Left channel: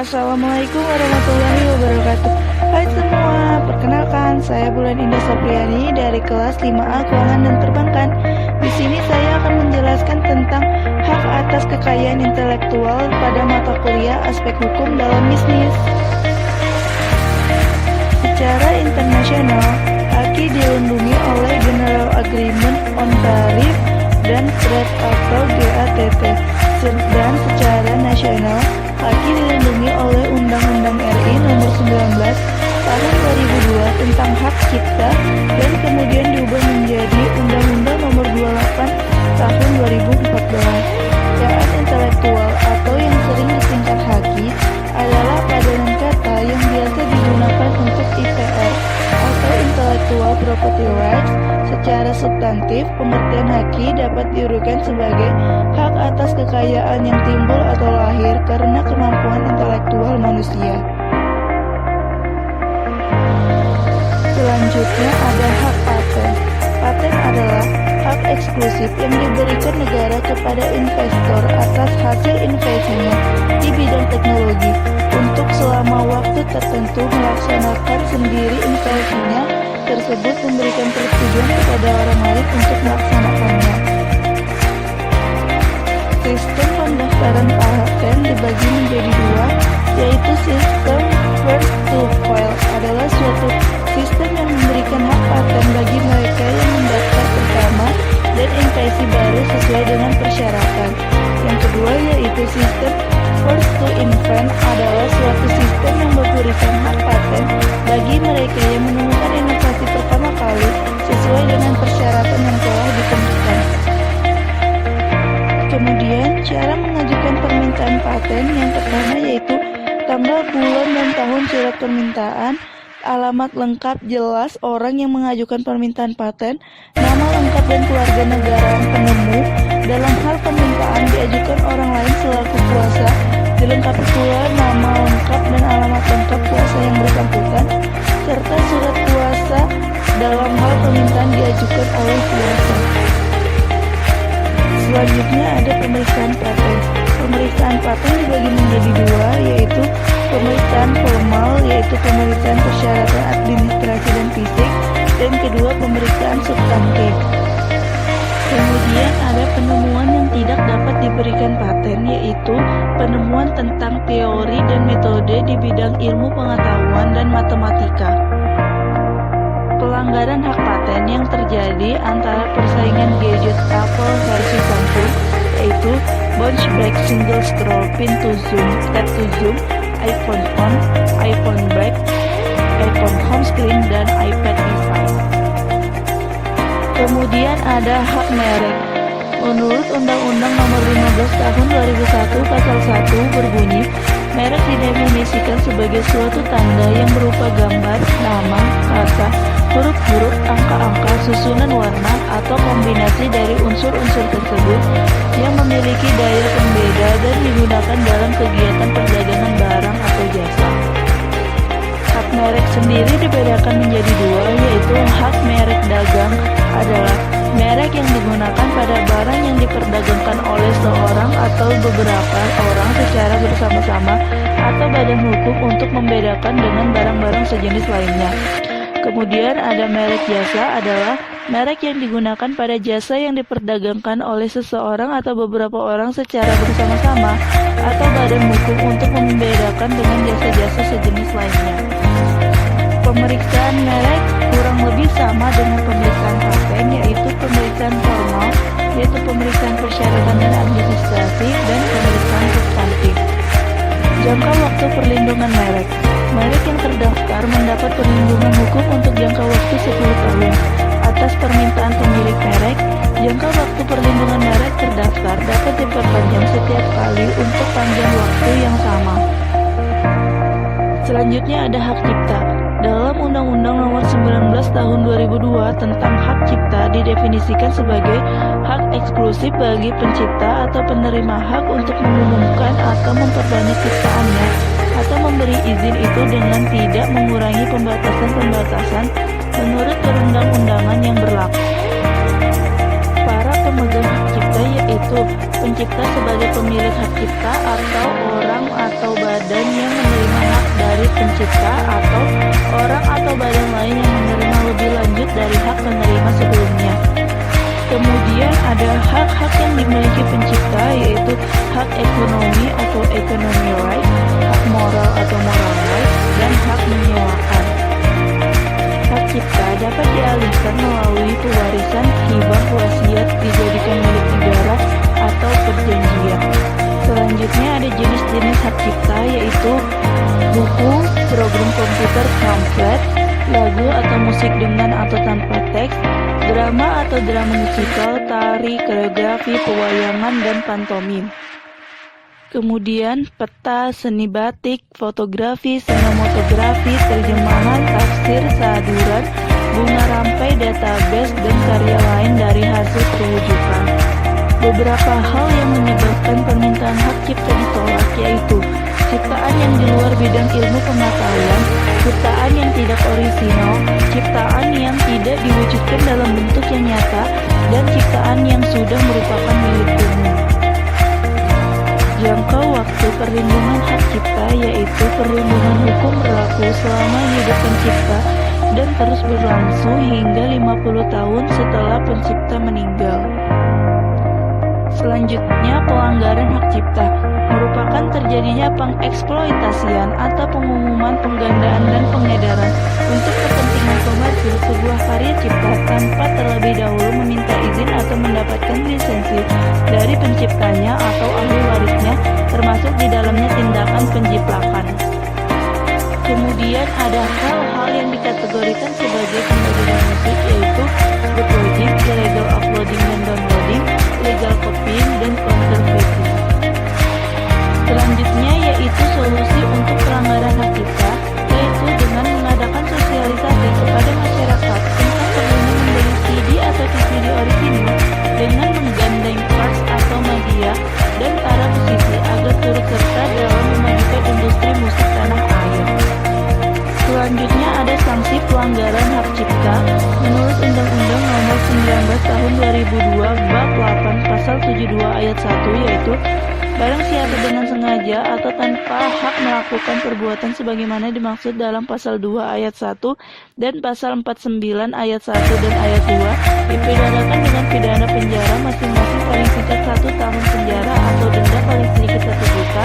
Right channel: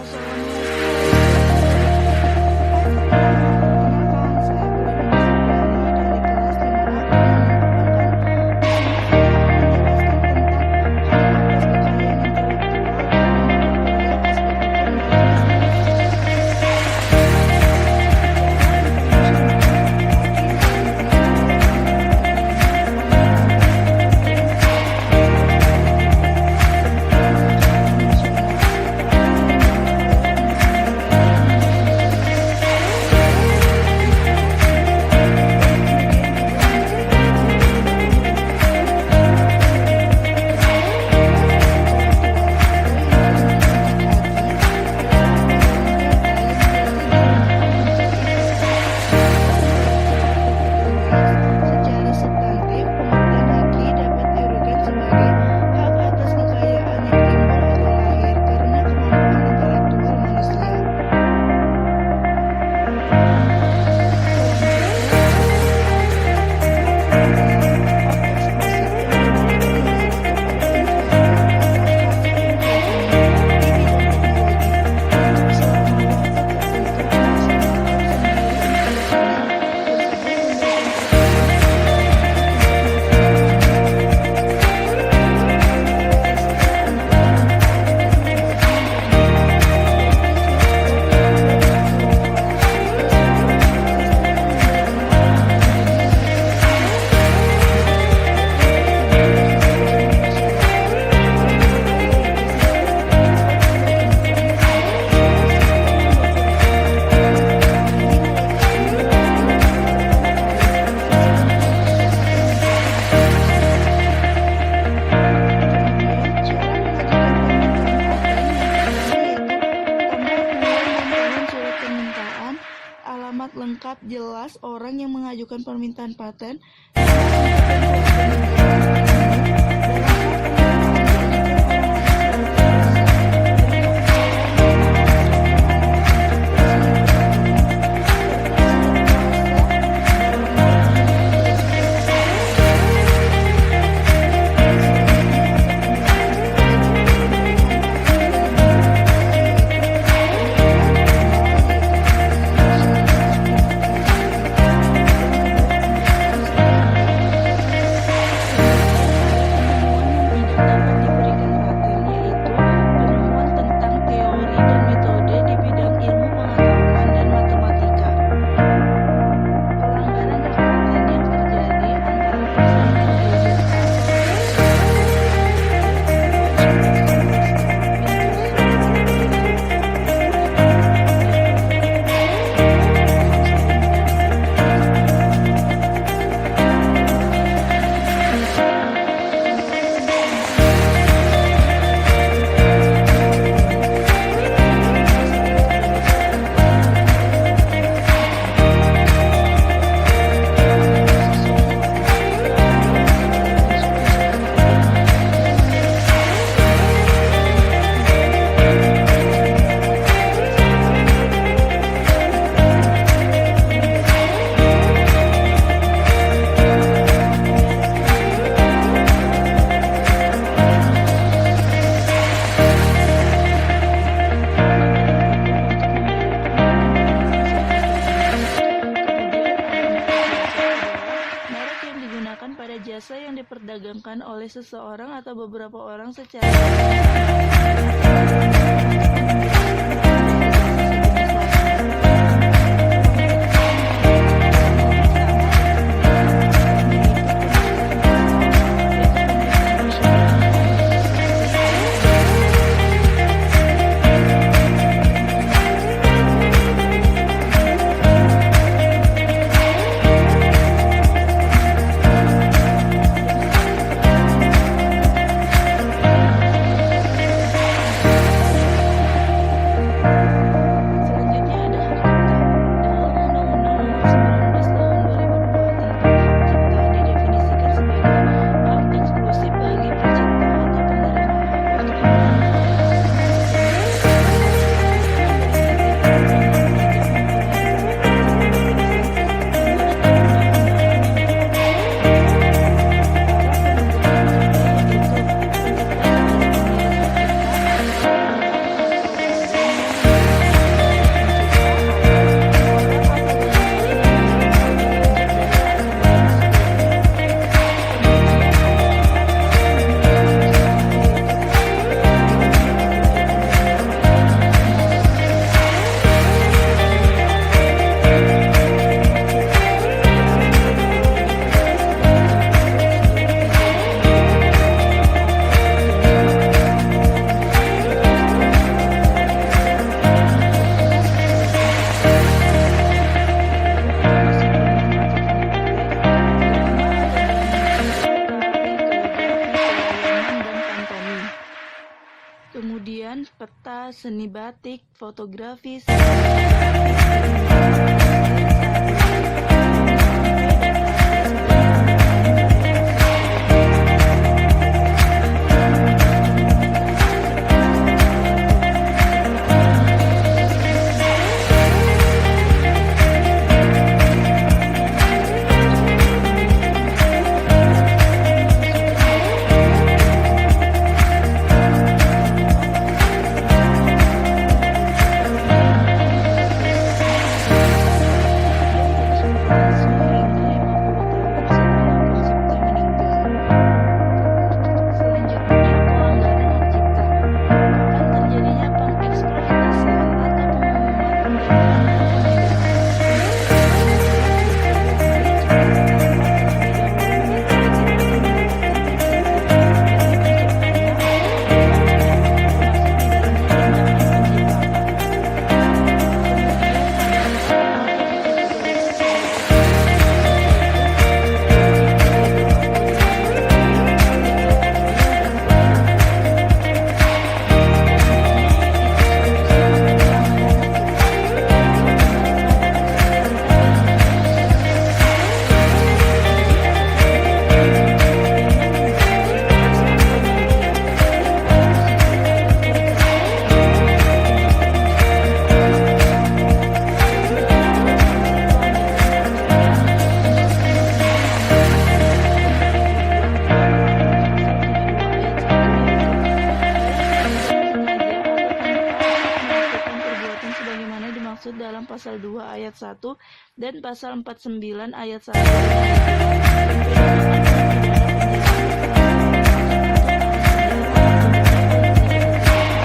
Assalamualaikum warahmatullahi wabarakatuh. Hai semua, perkenalkan saya Bulan Indah Sopriani dari kelas 5A Keuangan dan Perbankan. Di sini saya akan menjelaskan tentang hak atas kekayaan intelektual pada mata kuliah aspek hukum dalam bisnis. Secara internasional, AKI dilindungi oleh General Agreement on Tariff dan Trade atau GATT. Dan secara nasional, AKI dilindungi oleh Undang-Undang RI Nomor 19 Tahun 2002 tentang Hak Cipta dan kemudian diubah menjadi Undang-Undang Nomor 28 Tahun 2014. Kekayaan intelektual atau yang sering disingkat HAKI adalah padanan kata yang biasa digunakan untuk IPR atau Intellectual Property Rights. Secara substantif, pengertian HAKI dapat diuraikan sebagai hak atas kekayaan yang timbul atau lahir karena kemampuan intelektual manusia. Selanjutnya ada hak paten. Paten adalah hak eksklusif yang diberikan negara kepada investor atas hasil inovasinya di bidang teknologi untuk selama waktu tertentu melaksanakan sendiri inovasinya tersebut, memberikan persetujuan kepada orang lain untuk melaksanakannya. Sistem pendaftaran paten dibagi menjadi dua, yaitu sistem first to file adalah suatu sistem yang memberikan hak paten bagi mereka yang mendaftar pertama dan inventasi baru sesuai dengan persyaratan. Yang kedua yaitu sistem first to invent adalah suatu sistem yang memberikan hak paten bagi mereka yang menemukan inovasi pertama kali sesuai dengan persyaratan yang telah ditentukan. Kemudian, cara mengajukan permintaan paten yang pertama yaitu tanggal, bulan, dan tahun surat permintaan, alamat lengkap jelas orang yang mengajukan permintaan paten, nama lengkap dan keluarga negaraan penemu. Dalam hal permintaan diajukan orang lain selaku kuasa, dilengkapi pula nama lengkap dan alamat lengkap kuasa yang bersangkutan, serta surat kuasa dalam hal permintaan diajukan oleh kuasa. Selanjutnya ada pemeriksaan paten. Pemeriksaan paten dibagi menjadi dua, yaitu pemeriksaan formal, yaitu pemeriksaan persyaratan administrasi dan fisik, dan kedua pemeriksaan substantif. Kemudian ada penemuan yang tidak dapat diberikan paten, yaitu penemuan tentang teori dan metode di bidang ilmu pengetahuan dan matematika. Pelanggaran hak paten yang terjadi antara persaingan gadget Apple versi 1, yaitu Bounce Break Single Scroll Pin to Zoom, Tap to Zoom, iPhone On, iPhone Back, iPhone Home Screen, dan iPad mini. Kemudian ada hak merek. Menurut Undang-Undang Nomor 15 Tahun 2001 Pasal 1 berbunyi, merek didefinisikan sebagai suatu tanda yang berupa gambar, nama, kata, huruf-huruf, angka-angka, susunan warna, atau kombinasi dari unsur-unsur tersebut yang memiliki daya pembeda dan digunakan dalam kegiatan perdagangan barang atau jasa. Hak merek sendiri dibedakan menjadi dua, yaitu hak merek dagang adalah merek yang digunakan pada barang yang diperdagangkan oleh seorang atau beberapa orang secara bersama-sama atau badan hukum untuk membedakan dengan barang-barang sejenis lainnya. Kemudian ada merek jasa adalah merek yang digunakan pada jasa yang diperdagangkan oleh seseorang atau beberapa orang secara bersama-sama atau badan hukum untuk membedakan dengan jasa-jasa sejenis lainnya. Pemeriksaan merek kurang lebih sama dengan pemeriksaan paten, yaitu pemeriksaan formal, yaitu pemeriksaan persyaratan dan administrasi, dan pemeriksaan substantif. Jangka waktu perlindungan merek. Merek yang terdaftar mendapat perlindungan hukum untuk jangka waktu 10 tahun. Atas permintaan pemilik merek, jangka waktu perlindungan merek terdaftar dapat diperpanjang setiap kali untuk panjang waktu yang sama. Selanjutnya ada hak cipta. Dalam Undang-Undang Nomor 19 Tahun 2002 tentang hak cipta didefinisikan sebagai hak eksklusif bagi pencipta atau penerima hak untuk mengumumkan atau memperbanyak ciptaannya atau memberi izin itu dengan tidak mengurangi pembatasan-pembatasan menurut perundang-undangan yang berlaku. Para pemegang hak cipta yaitu pencipta sebagai pemilik hak cipta atau orang atau badan yang kemudian peta, seni batik, fotografi, sinematografi, terjemahan, tafsir, saduran, bunga rampai, database, dan karya lain dari hasil perwujudan. Beberapa hal yang menyebabkan permintaan hak cipta ditolak yaitu ciptaan yang di luar bidang ilmu pengetahuan, ciptaan yang tidak orisinal, ciptaan yang tidak diwujudkan dalam bentuk yang nyata, dan ciptaan yang sudah merupakan milik umum. Jangka waktu perlindungan hak cipta yaitu perlindungan hukum berlaku selama hidup pencipta dan terus berlangsung hingga 50 tahun setelah pencipta meninggal. Selanjutnya, pelanggaran hak cipta merupakan terjadinya pengeksploitasian atau pengumuman, penggandaan, dan pengedaran untuk kepentingan komersil sebuah karya cipta tanpa terlebih dahulu meminta izin atau mendapatkan lisensi dari penciptanya atau ahli warisnya, termasuk di dalamnya tindakan penjiplakan. Kemudian ada hal-hal yang dikategorikan sebagai penggandaan musik yaitu uploading, illegal uploading dan downloading, legal copying, dan counterfeiting. Selanjutnya yaitu solusi untuk pelanggaran hak cipta, yaitu dengan mengadakan sosialisasi kepada masyarakat tentang perlindungan dari CD atau VCD original dengan menggandeng arts atau media dan para musisi agar turut serta dalam memajukan industri musik tanah air. Selanjutnya ada sanksi pelanggaran hak cipta menurut Undang-Undang Nomor 19 Tahun 2002 Bab 8 Pasal 72 Ayat 1 yaitu barang siapa dengan sengaja atau tanpa hak melakukan perbuatan sebagaimana dimaksud dalam Pasal 2 Ayat 1 dan Pasal 49 Ayat 1 dan Ayat 2 dipidanakan dengan pidana penjara masing-masing paling singkat 1 tahun penjara atau denda paling sedikit 1 juta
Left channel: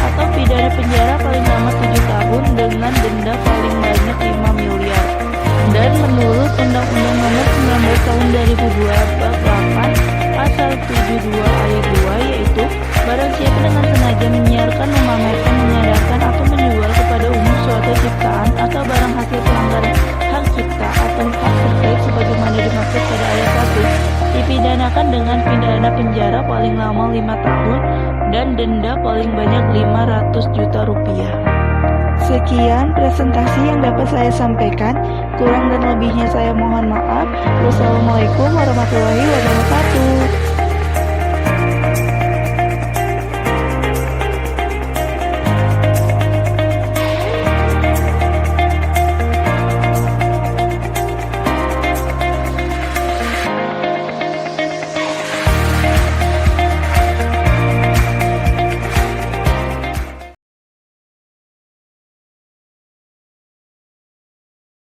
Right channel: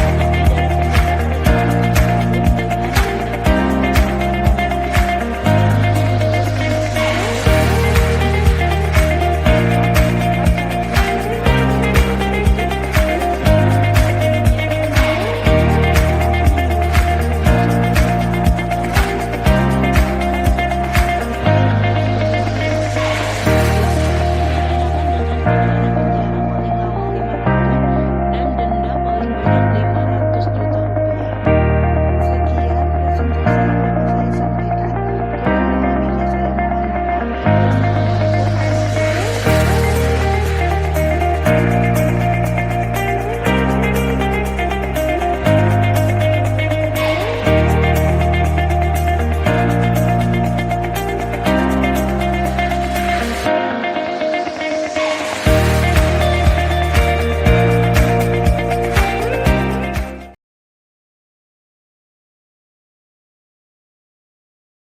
atau pidana penjara paling lama 7 tahun dengan denda paling banyak 5 miliar. Dan menurut Undang-Undang Nomor 19 Tahun 2002 Bab 8 Pasal 72 Ayat 2 yaitu barang siapa dengan sengaja menyiarkan, memamerkan, mengadakan atau menjual kepada umum suatu ciptaan atau barang hasil pelanggaran hak cipta atau hak tersebut sebagaimana dimaksud pada ayat 1 dipidanakan dengan pidana penjara paling lama 5 tahun dan denda paling banyak 500 juta rupiah. Sekian presentasi yang dapat saya sampaikan. Kurang dan lebihnya saya mohon maaf. Wassalamualaikum warahmatullahi wabarakatuh.